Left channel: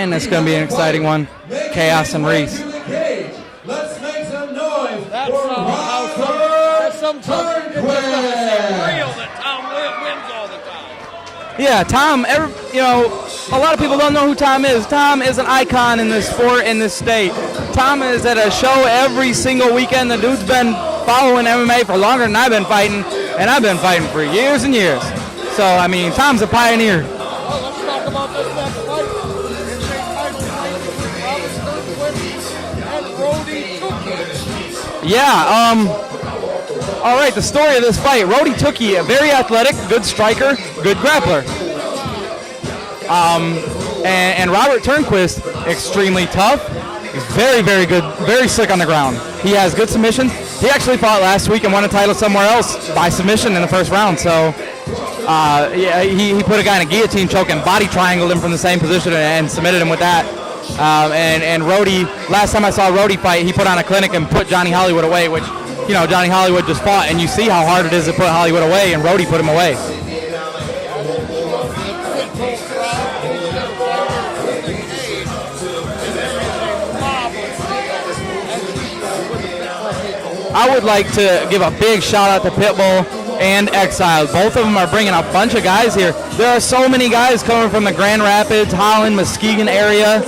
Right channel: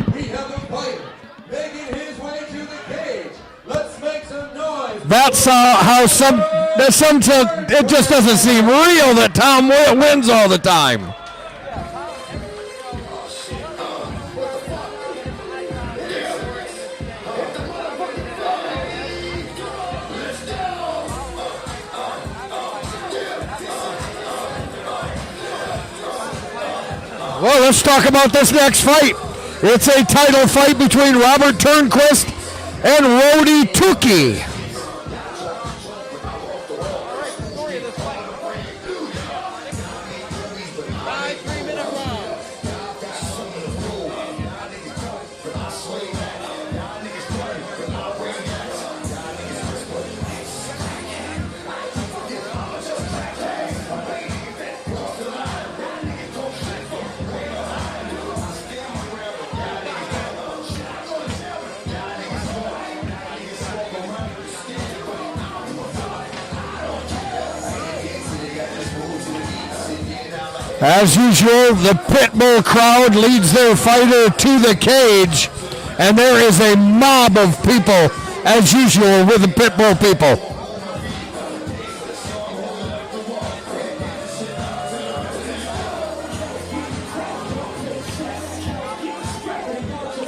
and it's going to be an exciting one. Chaos and Reese. That's how it just doesn't seem real that Tom wins all the time. Yeah, Tom, a lot of people don't know who Tom is. Tom is an icon in this sport, in this state. Tom is at a show every single weekend. The dude's been following MMA for longer than I've been fighting, and I've been fighting for years and years. So, I mean, Tom's a pioneer. Well, let's talk about this next fight. It's a title fight between Robert Turnquist and Rodie Tookie. Yeah, all right, the story of this fight. Rodie Tookie, a very athletic, good striker, good grappler. And Robert Turnquist, extremely tough, very, very good, very slick on the ground. He has good submissions. He actually fought last week and won a title somewhere else by submission in the first round. So, yeah, he put a guy in a guillotine choke and body triangled him from the same position and submitted him with that. And Rodie, last time I saw Rodie fight, he put on a clinic and put Johnny Hollywood away, which, Johnny Hollywood just fought, and you see how hard it is to put Hollywood away, and Rodie put him away. As usual, the Pitbull crowd leads their fighter to the cage, and there is a mob of people, as usual, with the Pitbull people. I would like to give a big shout out to Pitbull and Exile. Both of them are bringing a bunch of guys here. There are so many guys coming from the Grand Rapids, Holland, Muskegon area.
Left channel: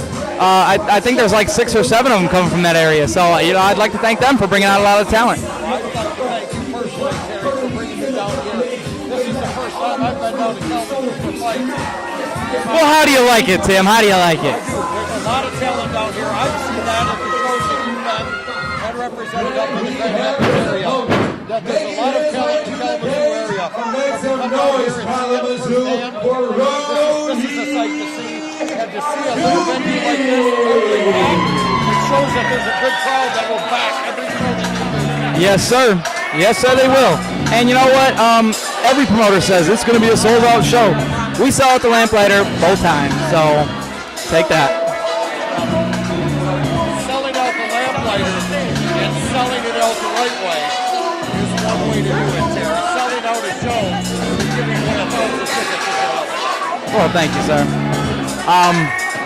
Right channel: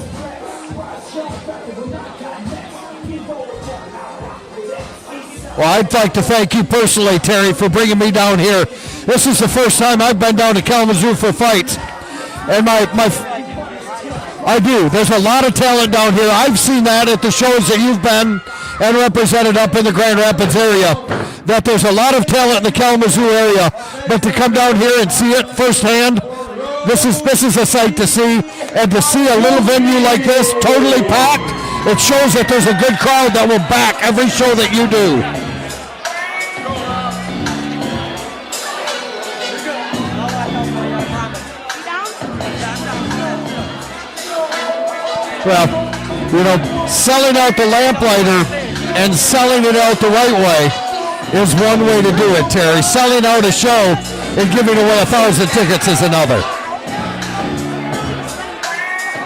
I think there's like 6 or 7 of them coming from that area. So, I'd like to thank them for bringing out a lot of talent. Well, I'd like to thank you personally, Terry, for bringing me down here. This is the first time I've been down to Kalamazoo for fights. And how do you like it, Tim? How do you like it? I do. There's a lot of talent down here. I've seen that at the shows that you've been and represented up in the Grand Rapids area, that there's a lot of talent in the Kalamazoo area. But to come down here and see it firsthand, this is a sight to see. And to see a little venue like this totally packed, it shows that there's a good crowd that will back every show that you do. Yes, sir. Yes, sir, they will. And you know what? Every promoter says it's going to be a sold-out show. We sell at the Lamplighter both times, so take that. Well, selling out the Lamplighter and selling it out the right way is one way to do it, Terry. Selling out a show and giving away 1,000 tickets is another. Well, thank you, sir.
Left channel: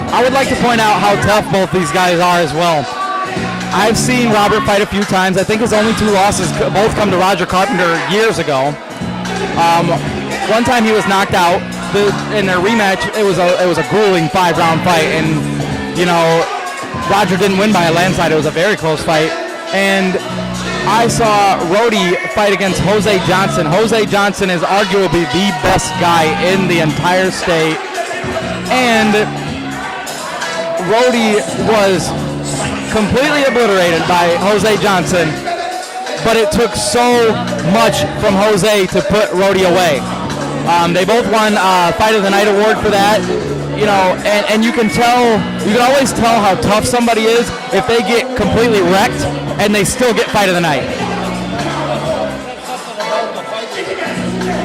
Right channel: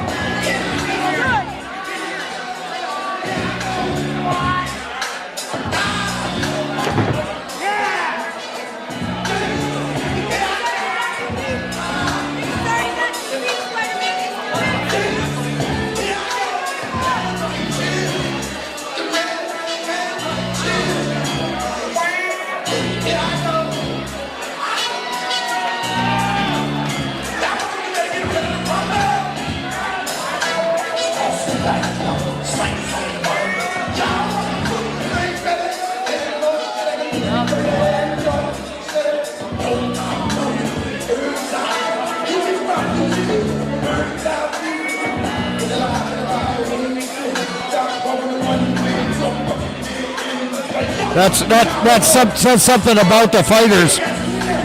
I would like to point out how tough both these guys are as well. I've seen Robert fight a few times. I think his only 2 losses both come to Roger Carpenter years ago. One time he was knocked out. In their rematch, it was a grueling 5-round fight, and Roger didn't win by a landslide. It was a very close fight. And I saw Rodie fight against Jose Johnson. Jose Johnson is arguably the best guy in the entire state. And Rodie was completely obliterated by Jose Johnson, but it took so much from Jose to put Rodie away. They both won Fight of the Night award for that. And you can always tell how tough somebody is if they get completely wrecked and they still get Fight of the Night. That's something about the fighters.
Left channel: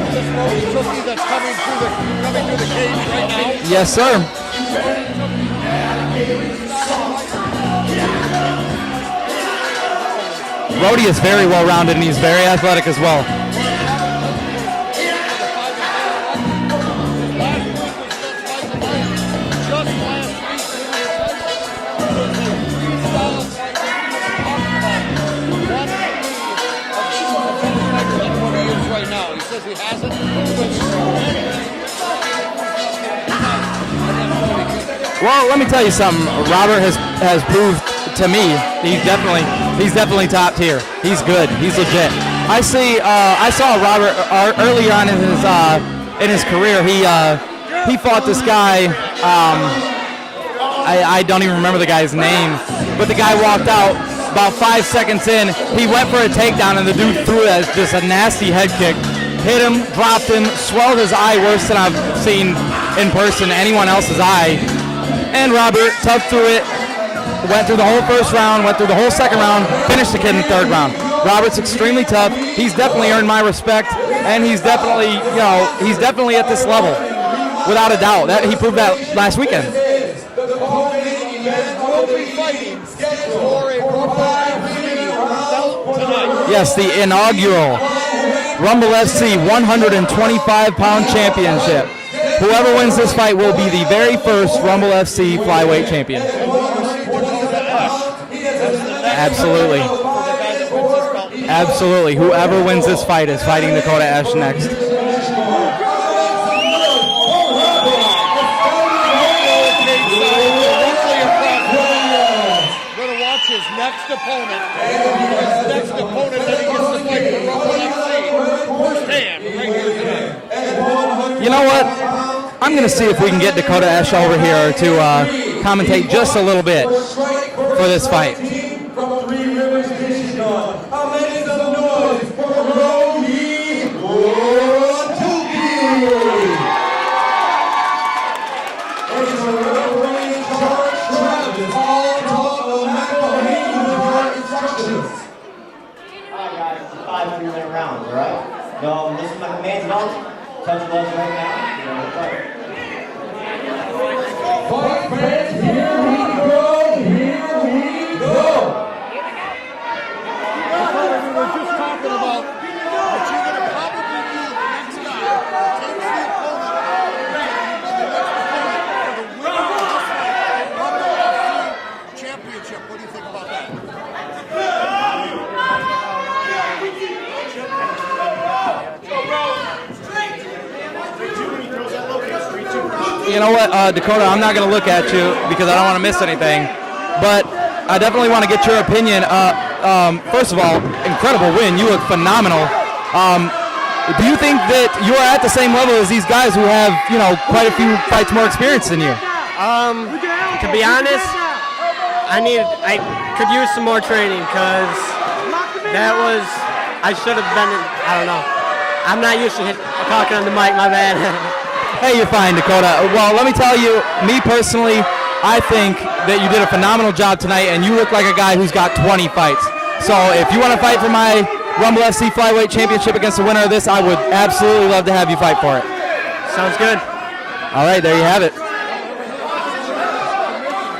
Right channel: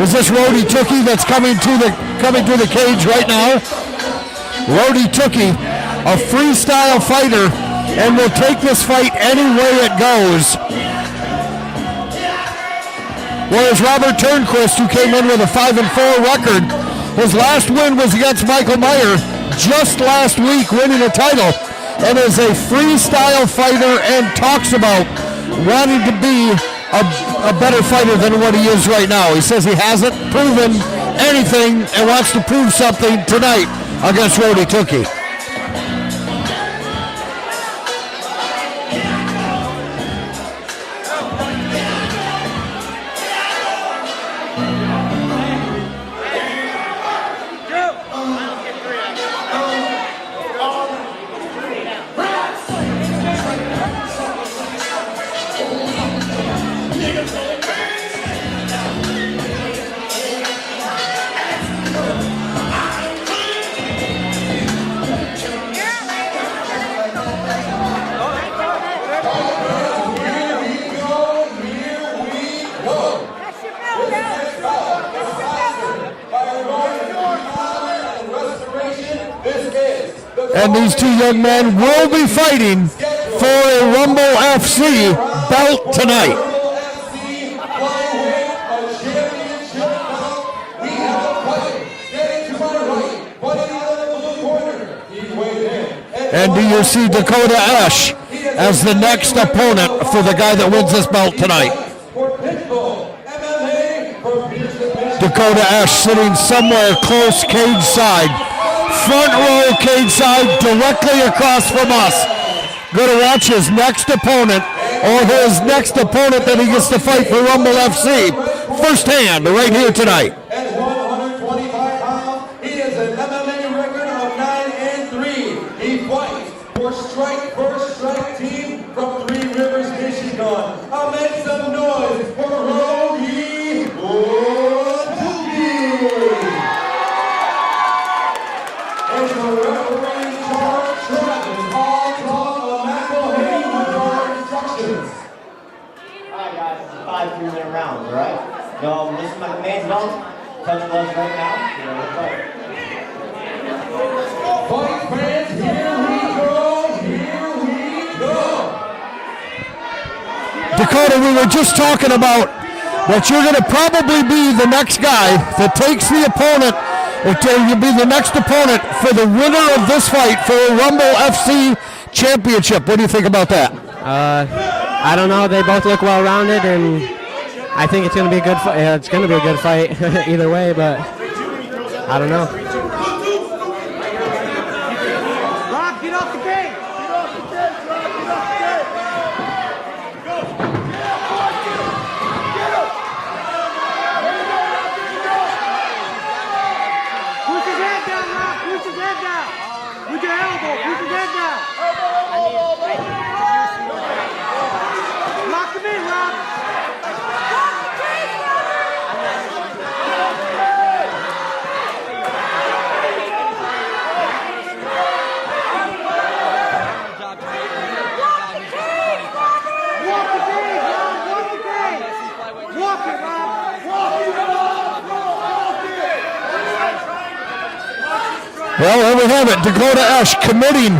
Is this Rodie Tookie that's coming to the cage right now? Yes, sir. Rodie Tookie, a freestyle fighter, and will take this fight any way it goes. Rodie is very well-rounded, and he's very athletic as well. Whereas Robert Turnquist, who came in with a 5-4 record, his last win was against Michael Meyer just last week, winning a title, and is a freestyle fighter and talks about wanting to be a better fighter than what he is right now. He says he hasn't proven anything and wants to prove something tonight against Rodie Tookie. Well, let me tell you something. Robert has proved to me he's definitely top tier. He's good. He's legit. I saw Robert early on in his career. He fought this guy. I don't even remember the guy's name, but the guy walked out about 5 seconds in. He went for a takedown, and the dude threw it as just a nasty head kick. Hit him, dropped him, swelled his eye worse than I've seen in person, anyone else's eye. And Robert tough through it, went through the whole first round, went through the whole second round, finished the kid in the 3rd round. Robert's extremely tough. He's definitely earned my respect, and he's definitely at this level, without a doubt. He proved that last weekend. And these 2 young men will be fighting for a Rumble FC belt tonight. Yes, the inaugural Rumble FC 125-pound championship. Whoever wins this fight will be the very first Rumble FC flyweight champion. And do you see Dakota Ash as the next opponent for the guy that wins this belt tonight? Absolutely. Whoever wins this fight is fighting Dakota Ash next. Dakota Ash sitting somewhere close cage side. Front row cage side directly across from us. Going to watch his next opponent or his next opponent that he gets to fight for Rumble FC firsthand right here tonight. You know what? I'm going to see if we can get Dakota Ash over here to commentate just a little bit for this fight. From Three Rivers, Michigan. I'll make some noise for Rodie. It's a referee charge Travis. All talk of McElhaney with our instructions. Alright guys, it's a 5 3-minute rounds, alright? No, listen to my commands, don't touch gloves right now. You're gonna fight. Fight fans, here we go, here we go. Dakota, we were just talking about that you're going to probably be the next guy that takes the opponent, or you'll be the next opponent for the winner of this fight for a Rumble FC championship. What do you think about that? I don't know. They both look well-rounded, and I think it's going to be a good fight. Yeah, it's going to be a good fight either way, but I don't know. You know what, Dakota, I'm not going to look at you because I don't want to miss anything, but I definitely want to get your opinion. First of all, incredible win. You look phenomenal. Do you think that you are at the same level as these guys who have, quite a few fights more experience than you? To be honest, I could use some more training because I should have been, I don't know. I'm not used to talking on the mic, my bad. Hey, you're fine, Dakota. Well, let me tell you, me personally, I think that you did a phenomenal job tonight, and you look like a guy who's got 20 fights. So if you want to fight for my Rumble FC Flyweight Championship against the winner of this, I would absolutely love to have you fight for it. Sounds good. All right, there you have it. Well, there we have it. Dakota Ash committing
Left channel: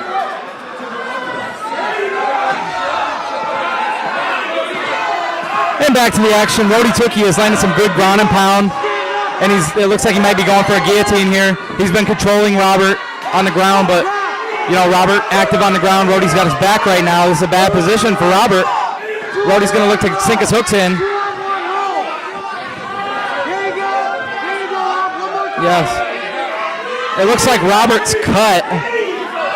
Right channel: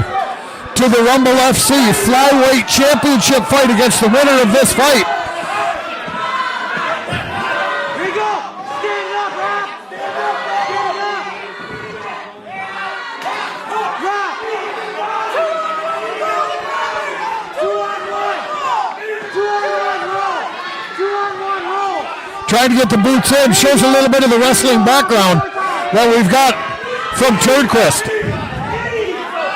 to the Rumble FC Flyweight Championship fight against the winner of this fight. And back to the action. Rodie Tookie has landed some good ground and pound, and it looks like he might be going for a guillotine here. He's been controlling Robert on the ground, but Robert active on the ground. Rodie's got his back right now. This is a bad position for Robert. Rodie's going to look to sink his hooks in. Trying to get the boots in. Shows a little bit of the wrestling background. Yeah. So we've got it looks like Robert's cut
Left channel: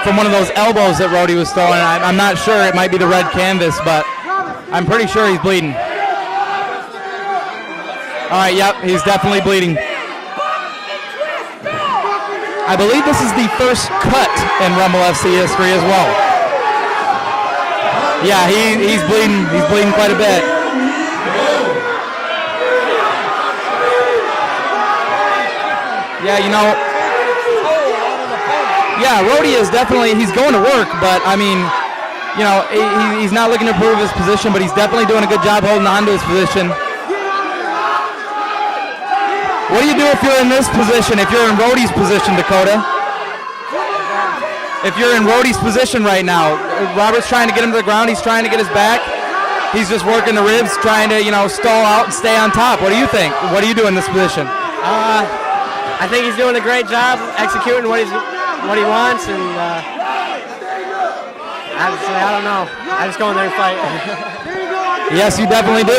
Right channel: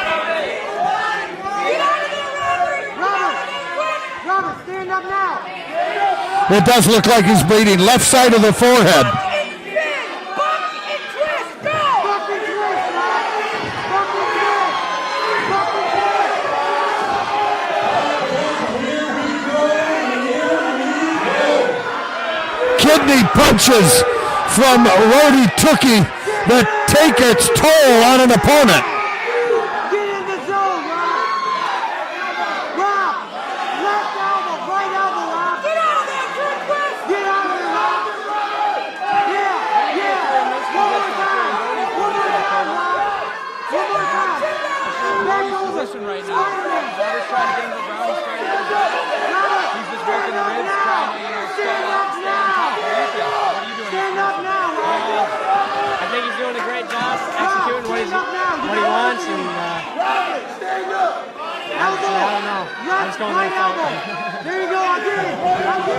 from one of those elbows that Rodie was throwing. I'm not sure. It might be the red canvas, but I'm pretty sure he's bleeding. It does look like he's bleeding. Left side of the forehead. He's definitely bleeding. I believe this is the first cut in Rumble FC history as well. Yeah, he's bleeding. He's bleeding quite a bit. Kidney punches from Rodie Tookie that take its toll on an opponent. Yeah, Rodie is he's going to work, but I mean, he's not looking to improve his position, but he's definitely doing a good job holding on to his position. What do you do if you're in this position, if you're in Rodie's position, Dakota? If you're in Rodie's position right now, Robert's trying to get him to the ground, he's trying to get his back. He's just working the ribs, trying to, stall out and stay on top. What do you think? What do you do in this position? I think he's doing a great job executing what he wants, and I don't know. I just go in there and fight. Yes, you definitely do.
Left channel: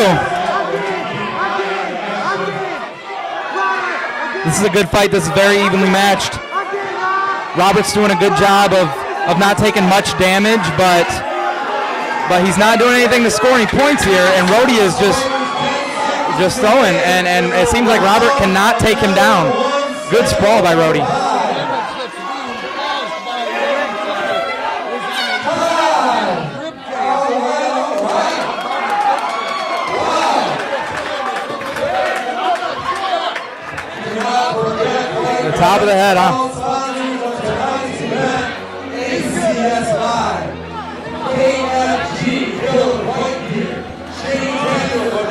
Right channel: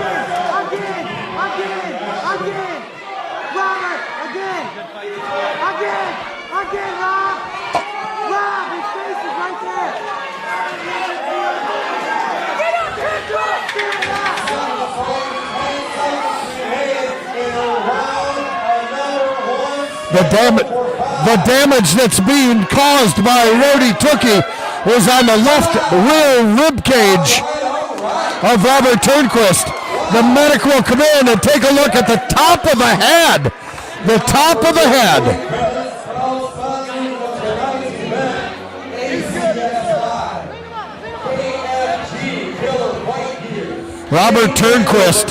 This is a good fight. This is very evenly matched. Robert's doing a good job of not taking much damage, but he's not doing anything to score any points here, and Rodie is just throwing, and it seems like Robert cannot take him down. Good throw by Rodie. The damage that's being caused by Rodie Tookie is on the left rear rib cage of Robert Turnquist. The medic will come in and take a look at the top of the head. The top of the head. The top of the head, huh? Robert Turnquist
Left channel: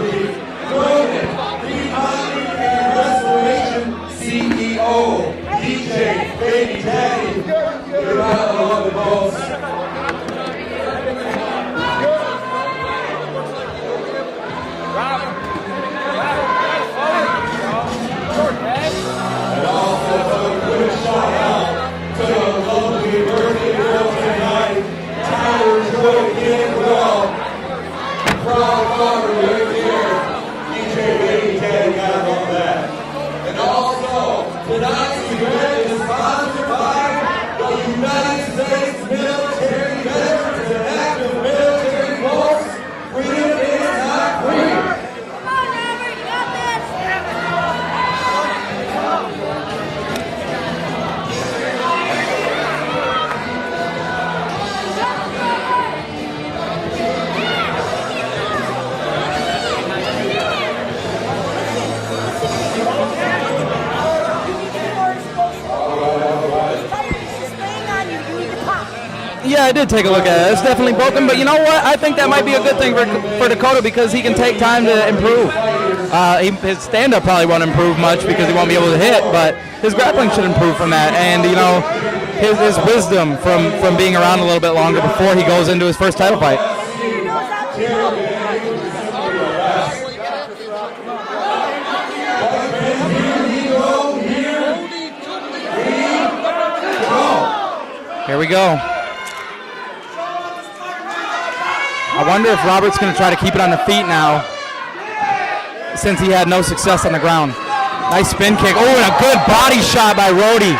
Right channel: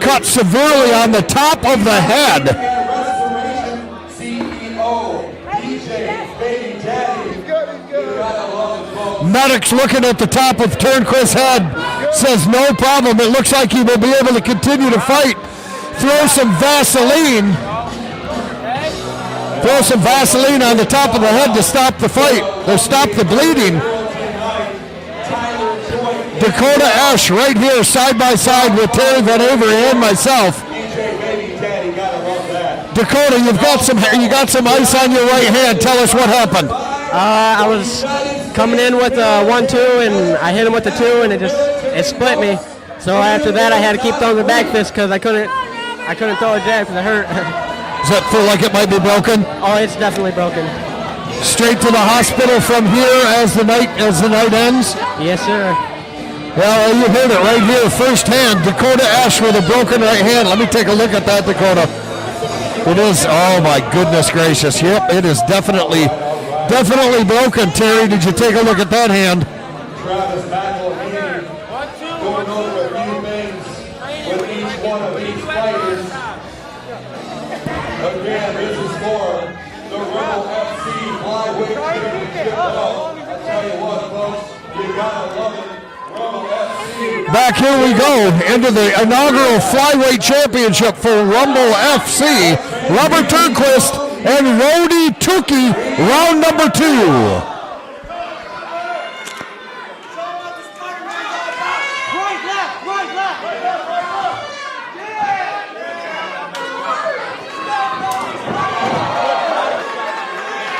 cut severely on the top of the head. Medic's looking at the top of Turnquist's head, says no problem. It looks like he will be able to continue to fight. Throw some Vaseline throw some Vaseline on the top of the head to stop the fight, to stop the bleeding. Dakota Ash right here side by side with Terry Van Avery and myself. Dakota, you got some ice on your right hand. Tell us what happened. I was coming in with a 1-2 and I hit him with the 2 and it split me. So after that I had to keep throwing the back fist because I couldn't throw it jab because it hurt. Does that feel like it might be broken? Oh, it's definitely broken. Straight to the hospital from here as the night ends? Yes, sir. Well, you heard it right here firsthand. Dakota Ash with a broken right hand. Let me take a look at that, Dakota. It is, oh my goodness gracious. Yep, it is definitely broken. Terry, did you take a look at that hand? Yeah, I did take a look at it. It's definitely broken, but you know what? I think that might be a good thing for Dakota because he can take time to improve. His stand-up probably won't improve much because he won't be able to hit, but his grappling should improve from that. And, you know, his wisdom from being around a little bit longer before he goes into his first title fight. Back here we go into the inaugural flyweight championship for Rumble FC. Robert Turnquist and Rodie Tookie, round number 2. Here we go. I wonder if Robert's going to try to keep it on the feet now since he had no success on the ground. Nice spin kick. Oh, and a good body shot by Rodie.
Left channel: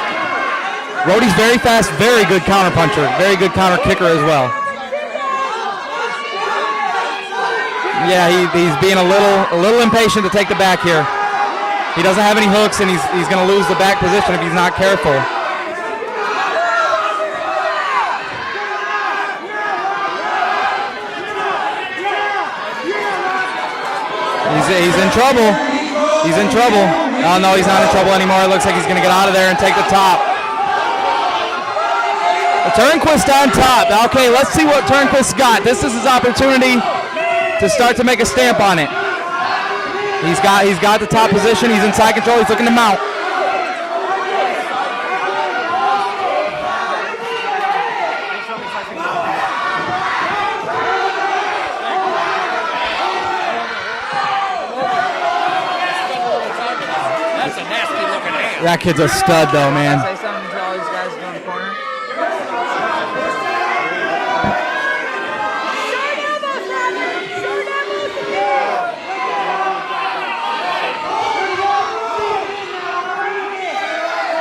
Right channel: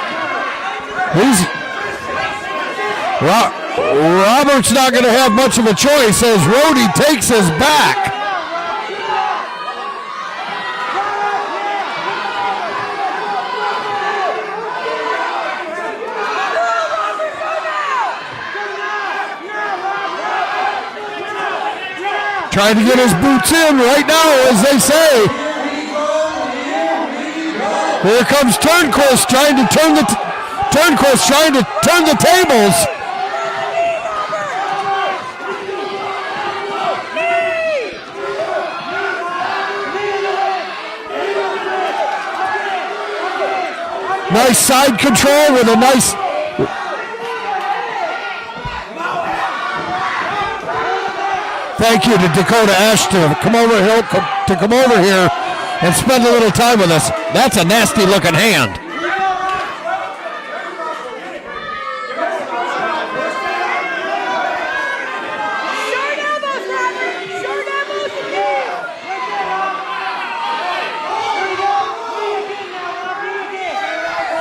Rodie's very fast, very good counter puncher. Very good counter kicker. Robert's not going to have much of a choice as Rodie takes his back. Yeah, he's being a little impatient to take the back here. He doesn't have any hooks, and he's going to lose the back position if he's not careful. Trying to get his boots in right now, as they say. He's in trouble. He's in trouble. Oh, no, he's not in trouble. Here comes Turnquist trying to turn the tables. Turnquist on top. Okay, let's see what Turnquist got. This is his opportunity to start to make a stamp on it. He's got the top position. He's in side control. He's looking to mount. Nice side control with a nice. Thank you to Dakota Ash to come over here and spend a little time with us. That's a nasty looking hand. That kid's a stud though, man.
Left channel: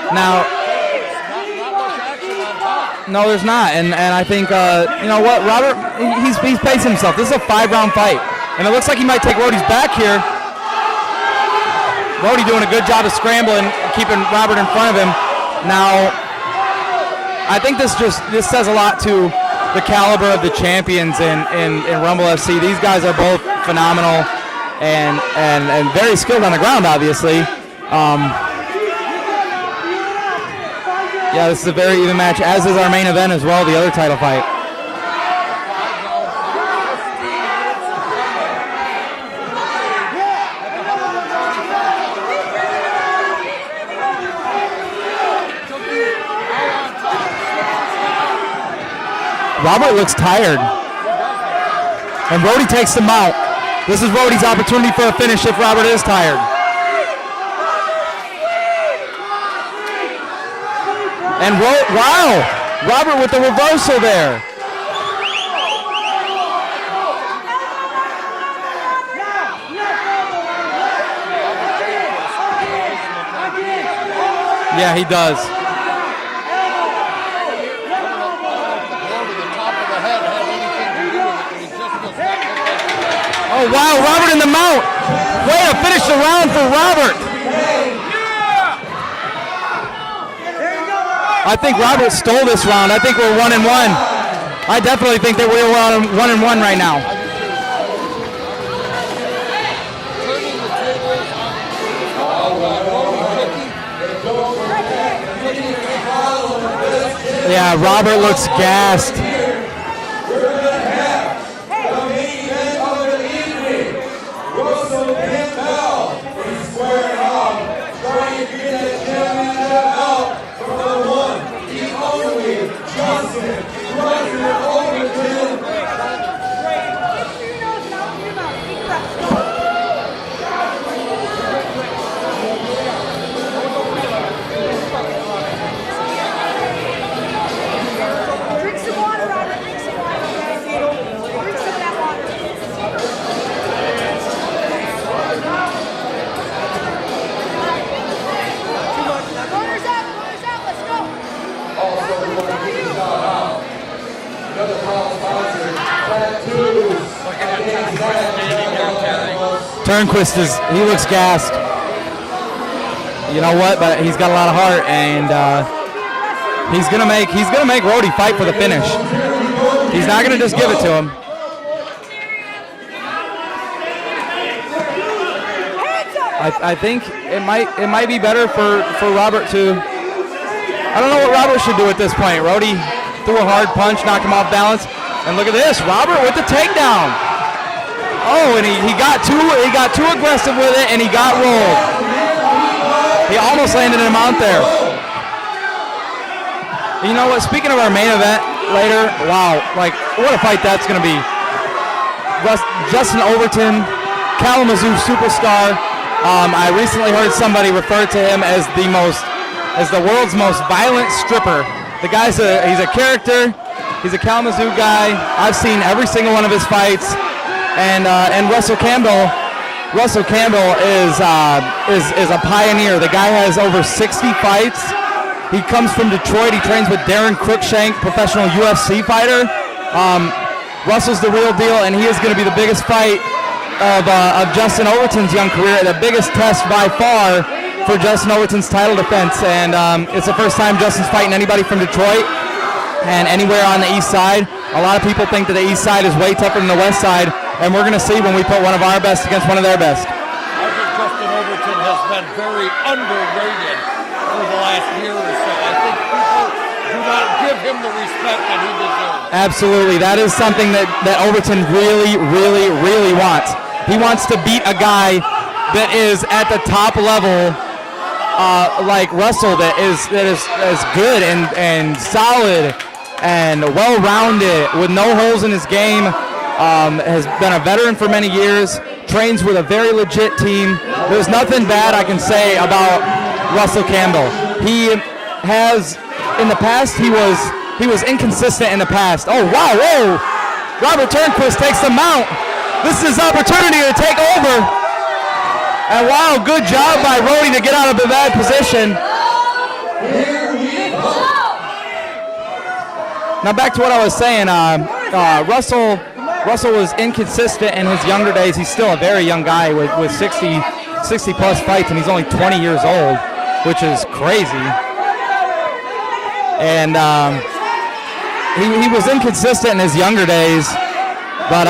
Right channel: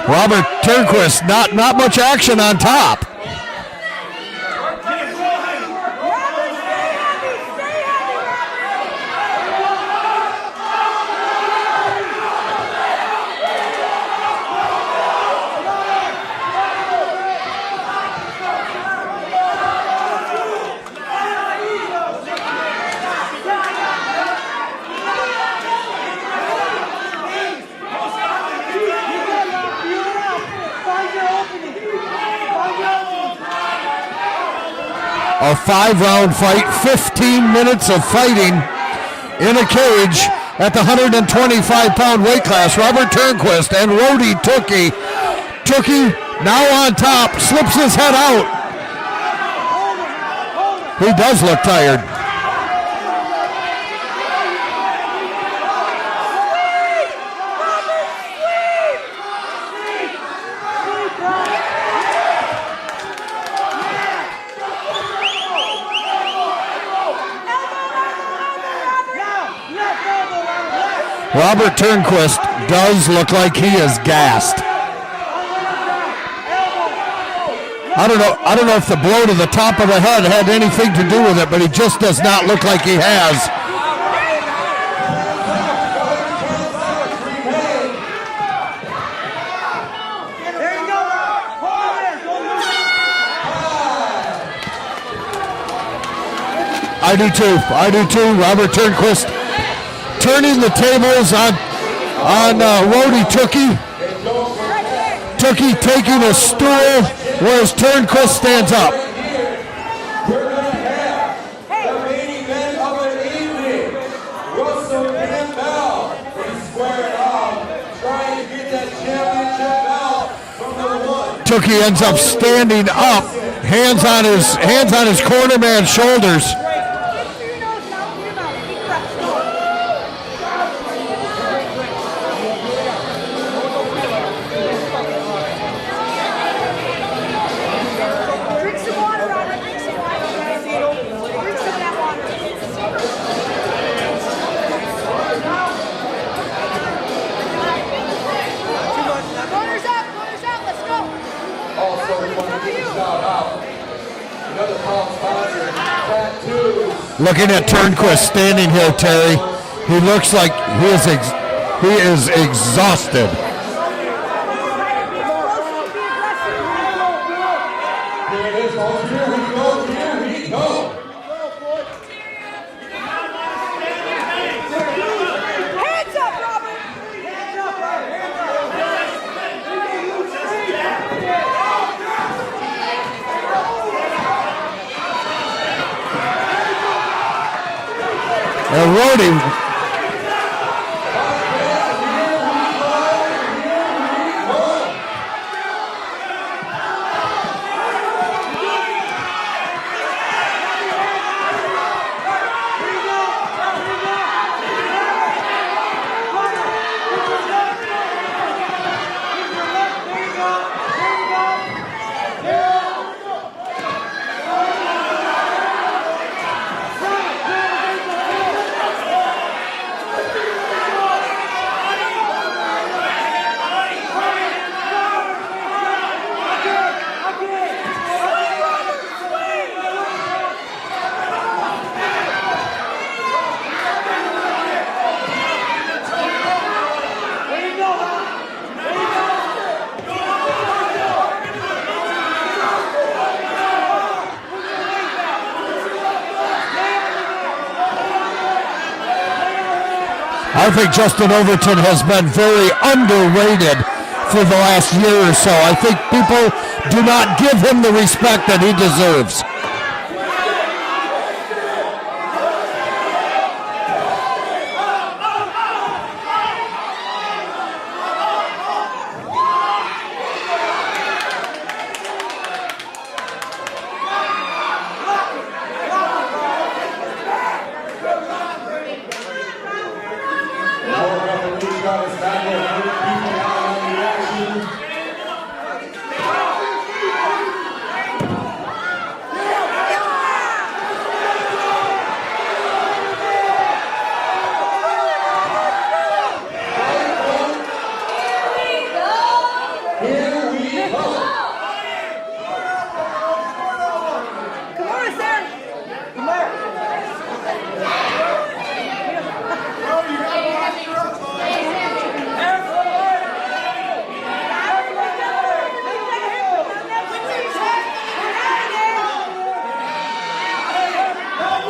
Robert Turnquist, not much action on top. No, there's not, and I think you know what, Robert, he's pacing himself. This is a 5-round fight, and it looks like he might take Rodie's back here. Rodie doing a good job of scrambling, keeping Robert in front of him. Now, I think this says a lot to the caliber of the champions in Rumble FC. These guys are both phenomenal and very skilled on the ground, obviously. Yeah, this is a very even match, as is our main event as well, the other title fight. A 5-round fight, 15 minutes of fighting in a cage at the 125-pound weight class. Robert Turnquist and Rodie Tookie. Tookie now on top, slips his head out. Robert looks tired. He does look tired. And Rodie takes him out. This is Rodie's opportunity for a finish if Robert is tired. And wow, Robert with the reversal there. Robert Turnquist does look like he is gassed. Yeah, he does. I don't know if the blow to the top of the head had anything to do with it, but he just does not look like he has. Oh wow, Robert in the mount. Way to finish the round for Robert. I think Robert stole this round. I think we're 1-1. I definitely think that we're 1-1 right now. I do too. Robert Turnquist turning the tables on Rodie Tookie. Tookie taking a stool whereas Turnquist stands up. We're going to have the main event of the evening. Russell Campbell is squaring off, trying to get that championship out from number 1. Tookie ends up standing up, hands on his cornerman's shoulders. Looking at Turnquist standing here, Terry. Turnquist he is gassed. He is exhausted. You know what? He's got a lot of heart, and he's gonna make Rodie fight for the finish. He's not gonna just give it to him. I think it might be better for Robert to. I don't know what Robert should do at this point. Rodie threw a hard punch, knocked him off balance, and look at this, Robert with the takedown. Oh, and he got too aggressive with it, and he got rolled. He almost landed him out there. You know what? Speaking of our main event later, wow, like what a fight that's going to be. Justin Overton, Kalamazoo superstar. I recently heard somebody refer to him as the world's most violent stripper. The guy's he's a character. He's a Kalamazoo guy. I've seen every single one of his fights. And Russell Campbell is a pioneer. The guy has over 60 fights. He comes from Detroit. He trains with Darren Cruikshank, professional UFC fighter. Russell's the real deal, and he is going to be the biggest fight of Justin Overton's young career, the biggest test by far for Justin Overton's title defense. And it's the first time Justin's fighting anybody from Detroit and anywhere on the east side. A lot of people think that the east side is way tougher than the west side, and we're going to see when we put one of our best against one of their best. I think Justin Overton has been very underrated for the last year or so. I think people do not give him the respect that he deserves. Absolutely. That is something that Overton really, really, really wants. He wants to beat a guy that is at the top level, like Russell, that is good and solid and well-rounded with no holes in his game. Has been a veteran for many years, trains with a very legit team. There's nothing bad I can say about Russell Campbell. He has, in the past, he was inconsistent in the past. Oh, wow, whoa! Robert Turnquist takes the mount. This is opportunity to take over. And wow, good job by Rodie to get out of a bad position. Here we go. Now back to what I was saying. Russell was inconsistent in his younger days. He's still a very young guy with 60 plus fights, and he's only 20 years old, which is crazy. And he was inconsistent in his younger days, but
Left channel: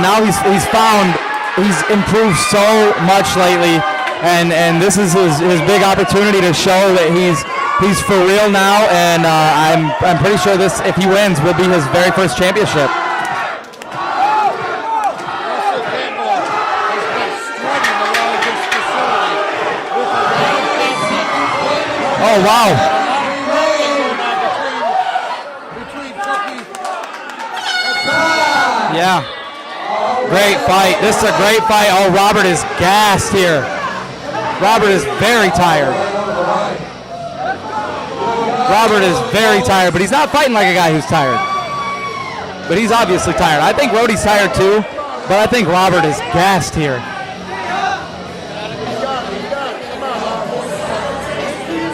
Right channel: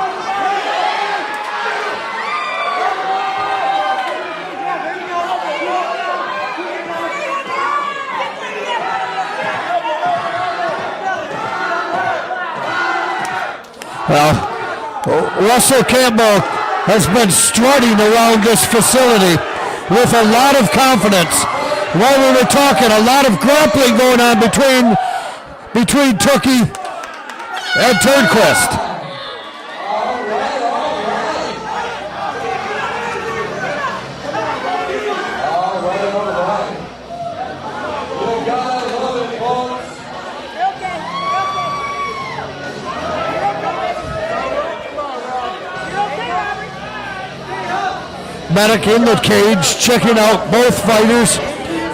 now he's improved so much lately, and this is his big opportunity to show that he's for real now, and I'm pretty sure this, if he wins, will be his very first championship. Russell Campbell has been strutting around this facility with a lot of confidence. While we were talking, a lot of grappling going on between Tookie and Turnquist. Yeah. Great fight. This is a great fight. Oh, Robert is gassed here. Robert is very tired. Robert is very tired, but he's not fighting like a guy who's tired. But he's obviously tired. I think Rodie's tired too, but I think Robert is gassed here. Medic in the cage, checking out both fighters.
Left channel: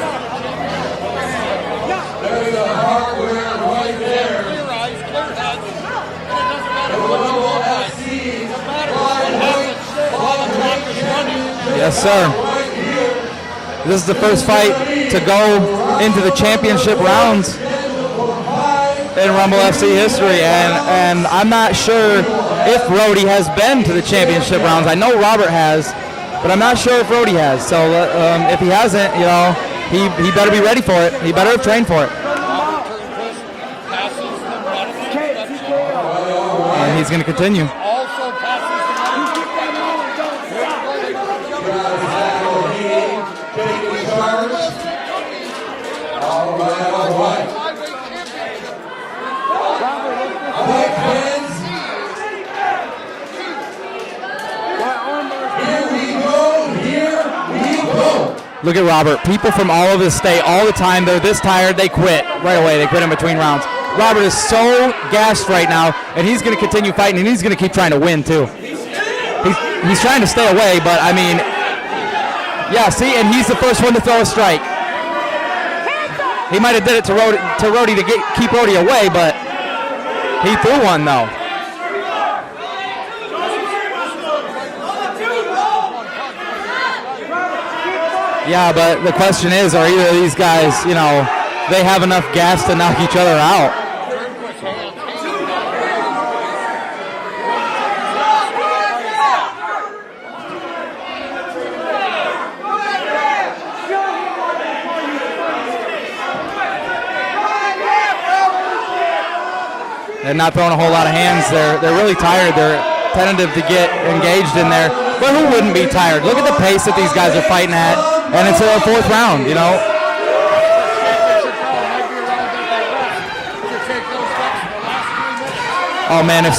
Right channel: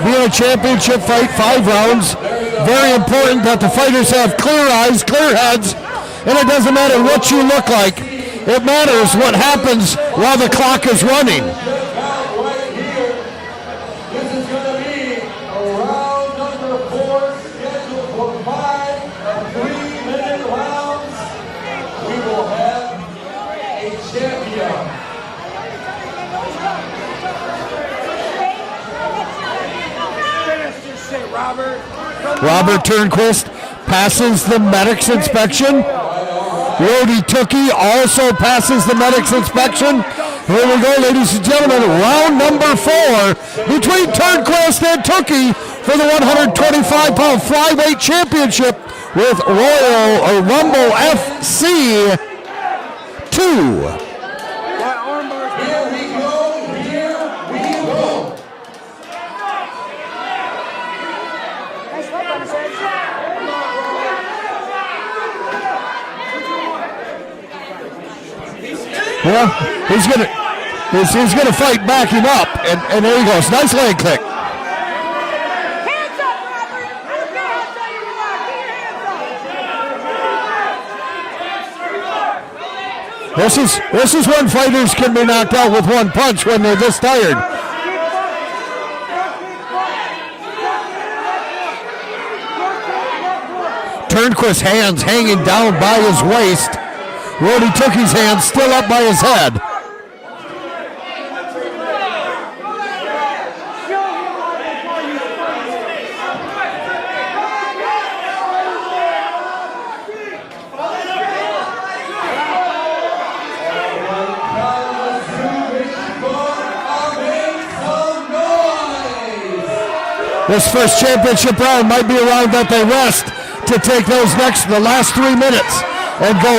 Being a championship fight, 5 rounds. Very important that the fighters have clear eyes, clear heads, and it doesn't matter what you look like. It matters what happens while the clock is running. Yes, sir. This is the first fight to go into the championship rounds in Rumble FC history, and I'm not sure if Rodie has been to the championship rounds. I know Robert has, but I'm not sure if Rodie has. So if he hasn't, he better be ready for it. He better have trained for it. Robert Turnquist passes the medic's inspection. Rodie Tookie also passes the medic's inspection. Here we go, ladies and gentlemen. Round number 4 between Turnquist and Tookie for the 125-pound flyweight championship with Royal Rumble FC 2. Here we go. Look at Robert. People from all over the state, all the time, they're this tired, they quit right away. They quit in between rounds. Robert is so gassed right now, and he's going to continue fighting, and he's going to keep trying to win, too. Well, he's trying to stay away, but he's going to fight backing up. Yeah, see, he's supposed to throw a strike. He might have did it to Rodie to keep Rodie away, but he threw one, though. This is when fighters can be knocked out with one punch when they're this tired. Yeah, but the question is, are either of these guys, they have enough gas to knock each other out? Turnquist's hands hanging down by his waist. Rodie Tookie's hands still up by his head. They're not throwing a whole lot of hands. They're really tired. They're tentative to get engaged in there. But who wouldn't be tired? Look at the pace that these guys are fighting at. And it's their fourth round, This first championship round might be a round that they rest to take the last 3 minutes. Oh man, if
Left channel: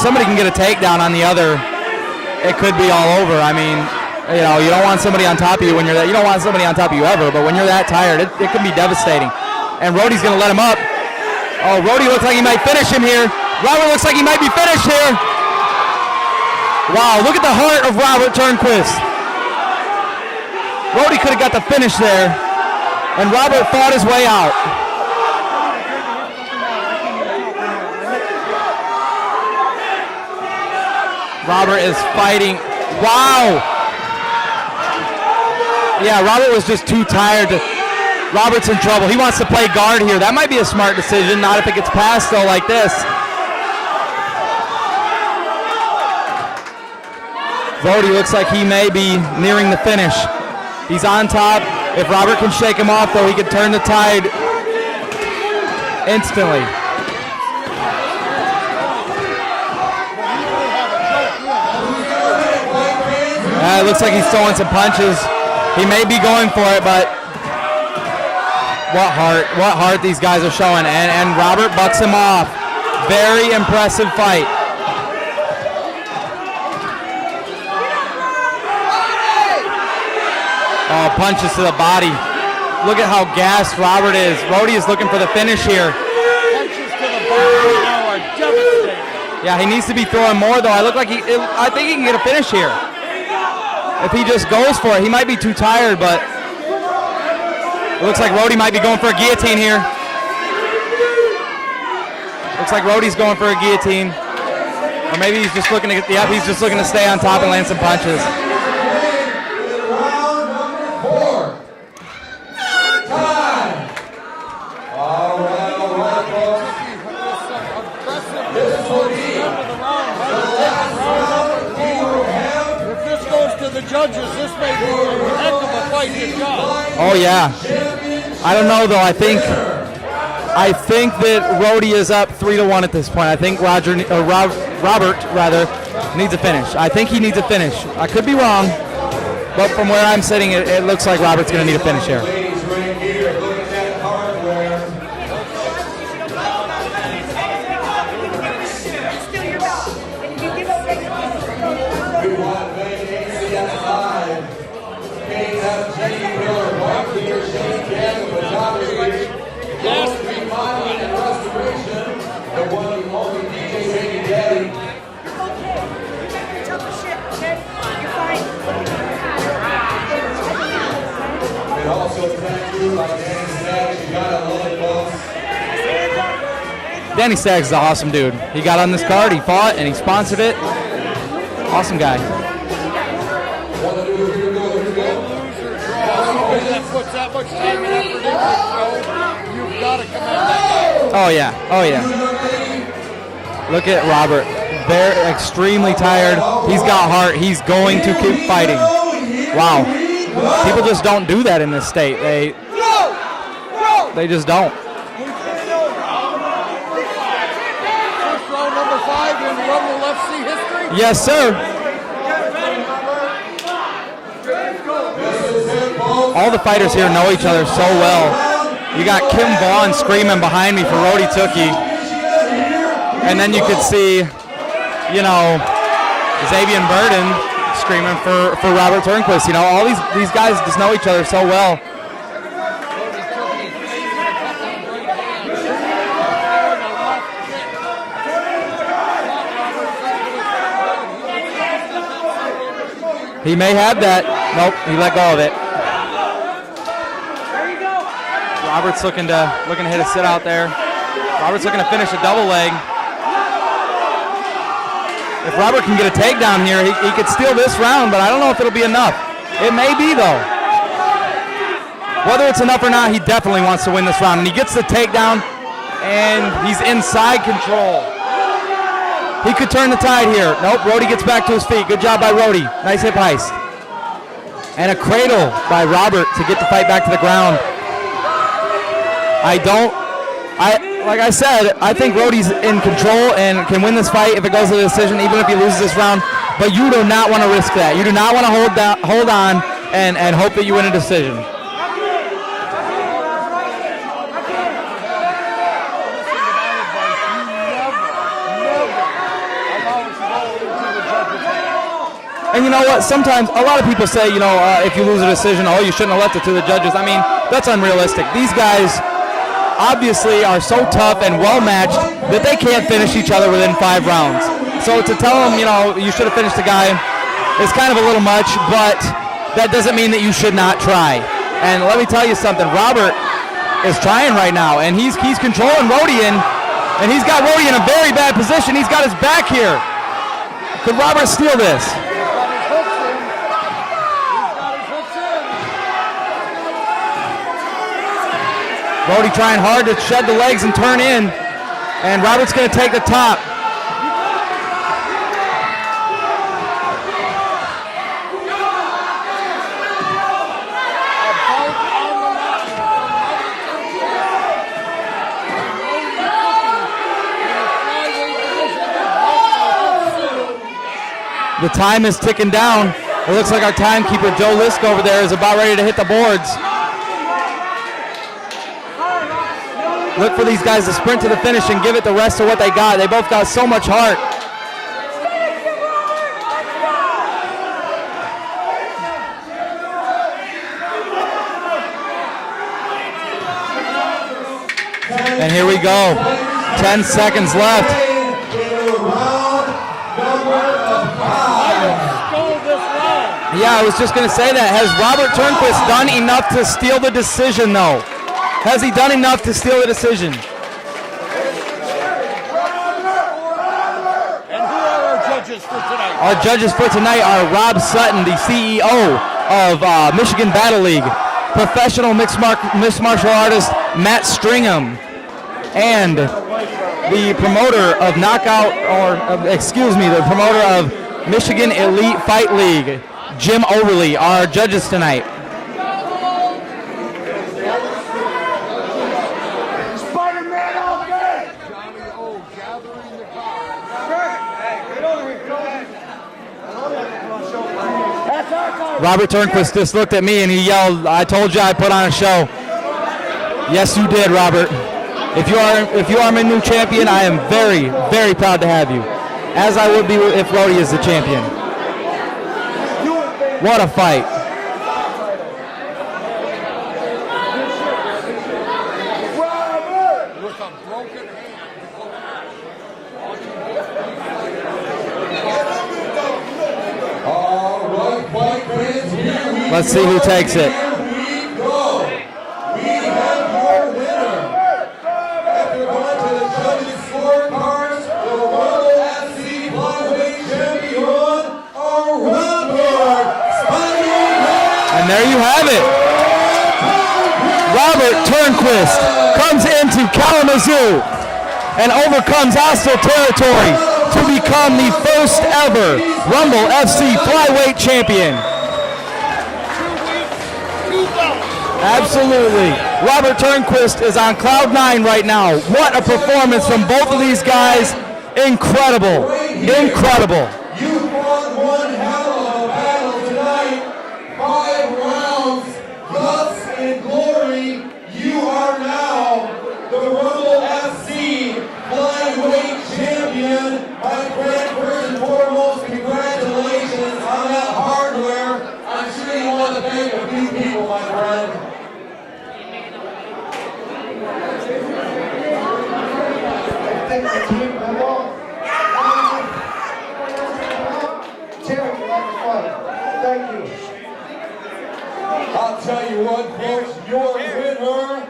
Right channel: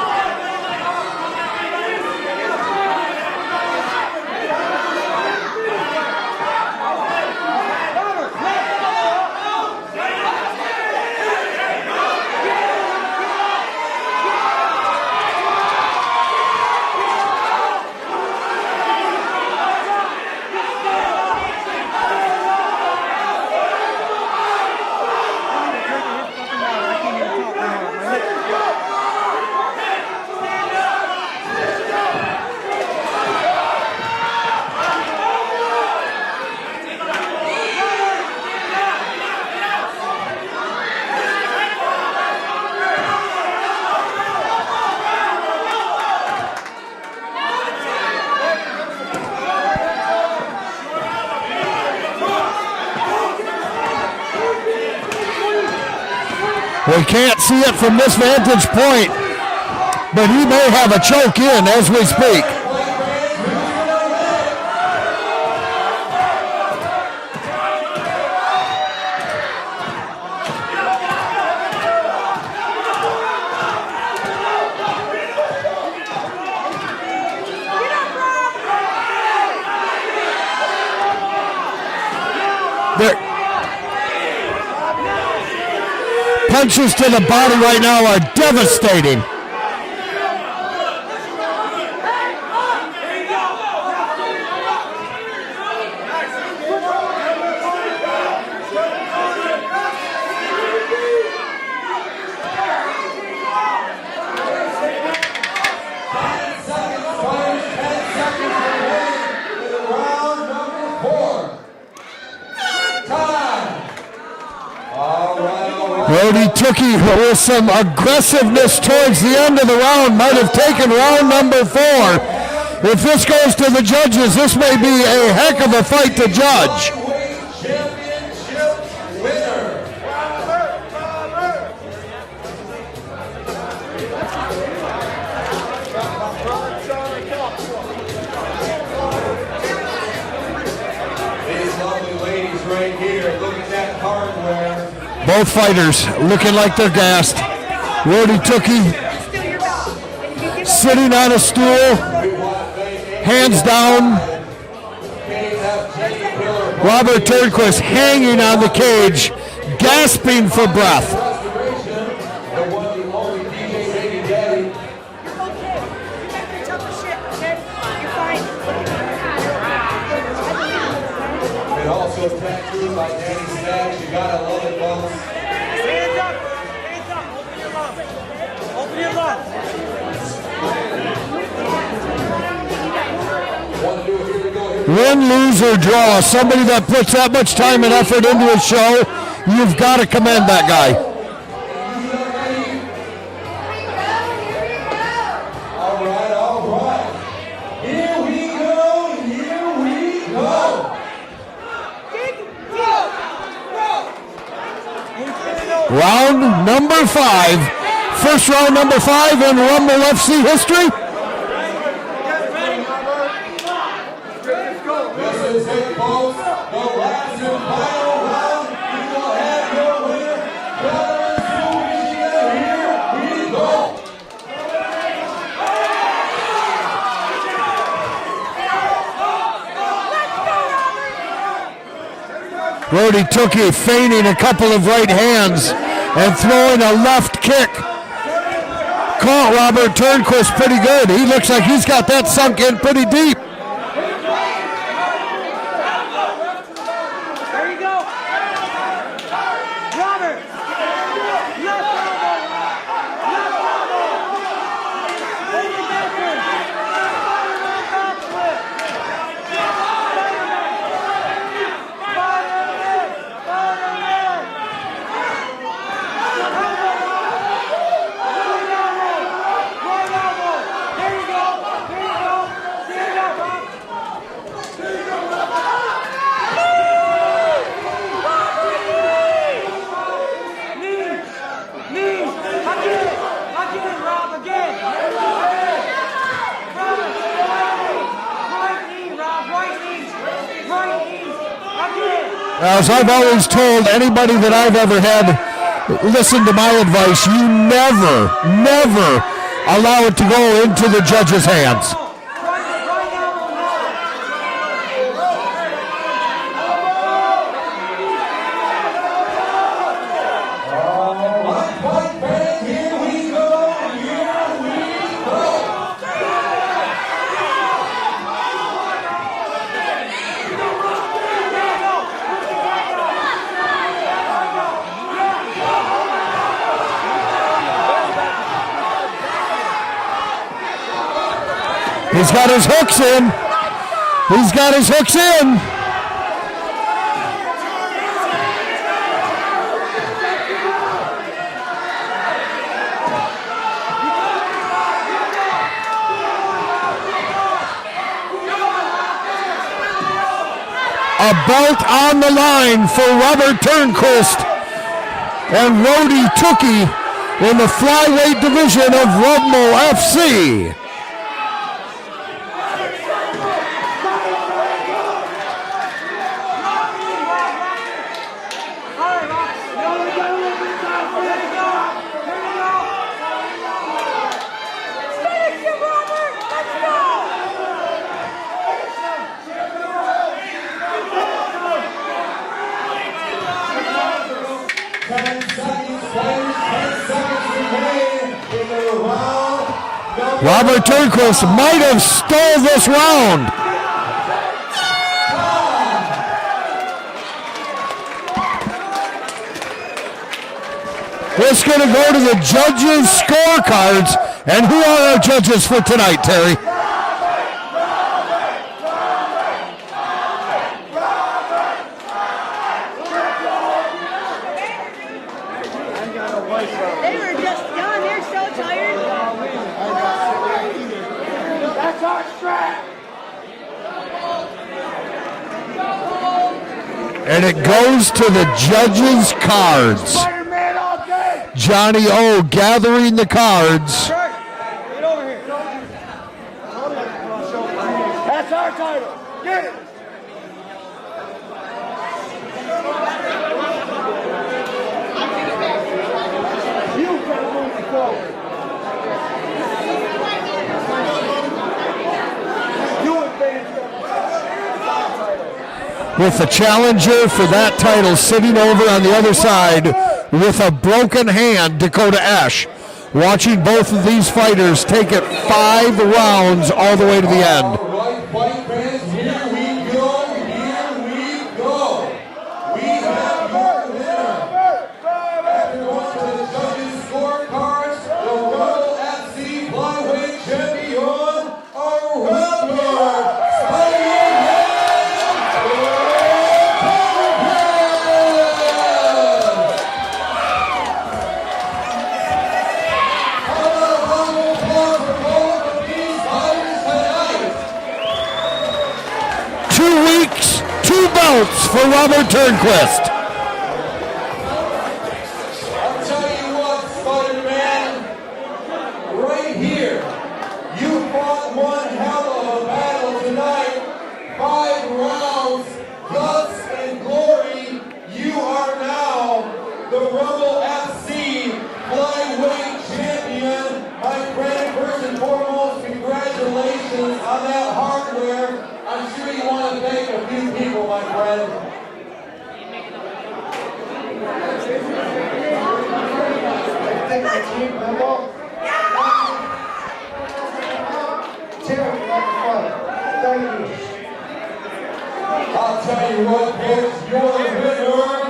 somebody can get a takedown on the other, it could be all over. I mean, you don't want somebody on top of you when you're that. You don't want somebody on top of you ever, but when you're that tired, it can be devastating. And Rodie's going to let him up. Oh, Rodie looks like he might finish him here. Robert looks like he might be finished here. Wow, look at the heart of Robert Turnquist. Rodie could have got the finish there, and Robert fought his way out. Robert is fighting. Wow. Yeah, Robert was just too tired to... Robert's in trouble. He wants to play guard here. That might be a smart decision, not if it gets past though like this. Rodie looks like he may be nearing the finish. He's on top. If Robert can shake him off though, he could turn the tide instantly. We can't see it from this vantage point, but he may have a choke in as we speak. It looks like he's throwing some punches. He may be going for it, but what heart these guys are showing. And Robert bucks him off. Very impressive fight. Punches to the body. Look at how gassed Robert is. Rodie is looking for the finish here. Punches to the body right now are devastating. Yeah, he needs to be throwing more though. I think he can get a finish here. If he just goes for it, he might be too tired, but it looks like Rodie might be going for a guillotine here. Looks like Rodie's going for a guillotine. Or maybe he's just looking to get the up. He's just looking to stay on top and land some punches. Rodie Tookie, with some aggressiveness towards the end of the round, might have taken round number 4. If this goes to the judges, this may be a heck of a fight to judge. Oh yeah. I don't know though. I think that Rodie is up 3-1 at this point. I think Robert needs a finish. I think he needs a finish. I could be wrong, but from where I'm sitting, it looks like Robert's going to need a finish here. Ladies, right here, look at that hardware. Both fighters looking like they're gassed. Rodie Tookie sitting on a stool, hands down. Robert Turnquist hanging on the cage, gasping for breath. And also tattooed by Danny Staggs. You gotta love it, folks. Danny Staggs is an awesome dude. He got on this card, he fought, and he sponsored it. Awesome guy. Win, lose, or draw, somebody that puts that much time and effort into a show, you've got to commend that guy. Oh yeah, oh yeah. Look at Robert. They're extremely tired. He's got heart. He's going to keep fighting. Wow. People just don't do that in this state. They just don't. Round number 5. First round number 5 in Rumble FC history? Yes, sir. All the fighters here know each other so well. You got Kim Vaughn screaming behind me for Rodie Tookie. And then you could see, Xavier Burden screaming for Robert Turnquist. All these guys just know each other so well. Rodie Tookie feigning a couple of right hands and throwing a left kick. Caught Robert Turnquist pretty good. He looks like he's got that sunk in pretty deep. He may have that. Nope, he let go of it. There you go. Robert's looking to hit a sit out there. Robert's looking to finish a double leg. Robert can get a takedown here, he could steal this round, but I don't know if it'll be enough. It may be, though. Whether it's enough or not, he definitely wants to win this round. And he gets the takedown, and he's inside control. He could turn the tide here. Nope, Rodie gets back to his feet. Good job by Rodie. Nice hip heist. And a cradle by Robert to get the fight back to the ground. Like I said, I think Rodie's in control and can win this fight if it goes to the decision, even if he loses this round. But you do not want to risk that. You do not want to hold on and hope that you win a decision. As I've always told anybody that I've ever had listen to my advice, you never allow it to go into the judge's hands. And you know what? Sometimes a lot of people say, if you lose a decision, you shouldn't have left it to the judges. I mean, that's unrealistic. These guys obviously are so tough and well-matched that they can't finish each other within 5 rounds. So to tell them, you should have finished the guy is kind of a little much, but that doesn't mean that you should not try. And let me tell you something, Robert is trying right now, and he's controlling Rodie, and he's got Rodie in a very bad position. He's got his back here. Could Robert steal this? He's got his hooks in. Rodie trying hard to shed the legs and turn in, and Robert's going to take the top. A bout on the line for Robert Turnquist and Rodie Tookie in the flyweight division of Rumble FC. The time is ticking down. It looks like our timekeeper, Joe Lisk, over there is about ready to hit the boards. Look for these guys to sprint to the finish and give it the rest of what they got. They both got so much heart. And here we go. 10 seconds left. Robert Turnquist might have stole this round. Yeah, I was just going to say that. Has Robert Turnquist done enough to steal the decision, though? Has he done enough to steal the decision? It's going to go to the judges' scorecards. And who are our judges for tonight, Terry? Our judges for tonight are Rob Sutton, the CEO of Michigan Battle League, professional mixed martial artist Matt Stringham, and the promoter of the promoter of Michigan Elite Fight League, Jim Overly, are our judges tonight. And it goes to the judges' cards. Johnny O gathering the cards. Robert Turnquist just looked at me and he yelled, "I told you I put on a show." Yes, you did, Robert. If you are my new champion, I am very, very proud to have you, as I would be if Rodie is the champion. What a fight. With the challenger for that title sitting over on the other side with a broken hand, Dakota Ash. Watching both of these fighters take it 5 rounds all the way to the end. Let's see who takes it. Here we go. We have your winner. After going to the judges' scorecards, the Rumble FC flyweight champion, Robert. And there you have it. Robert Turnquist comes into Kalamazoo and overcomes hostile territory to become the first ever Rumble FC flyweight champion. 2 weeks, 2 bouts for Robert Turnquist. Robert Turnquist is on cloud 9 right now. What a performance from both of these guys. Incredible. Incredible. You fought one hell of a battle tonight. 5 rounds, guts and glory. You are now the Rumble FC flyweight champion. My friend, first and foremost, congratulations on that hardware. I'm sure you want to thank a few people, my friend. Thank the team, Rumble. Terry, thank you. I'll tell you what, folks, your winner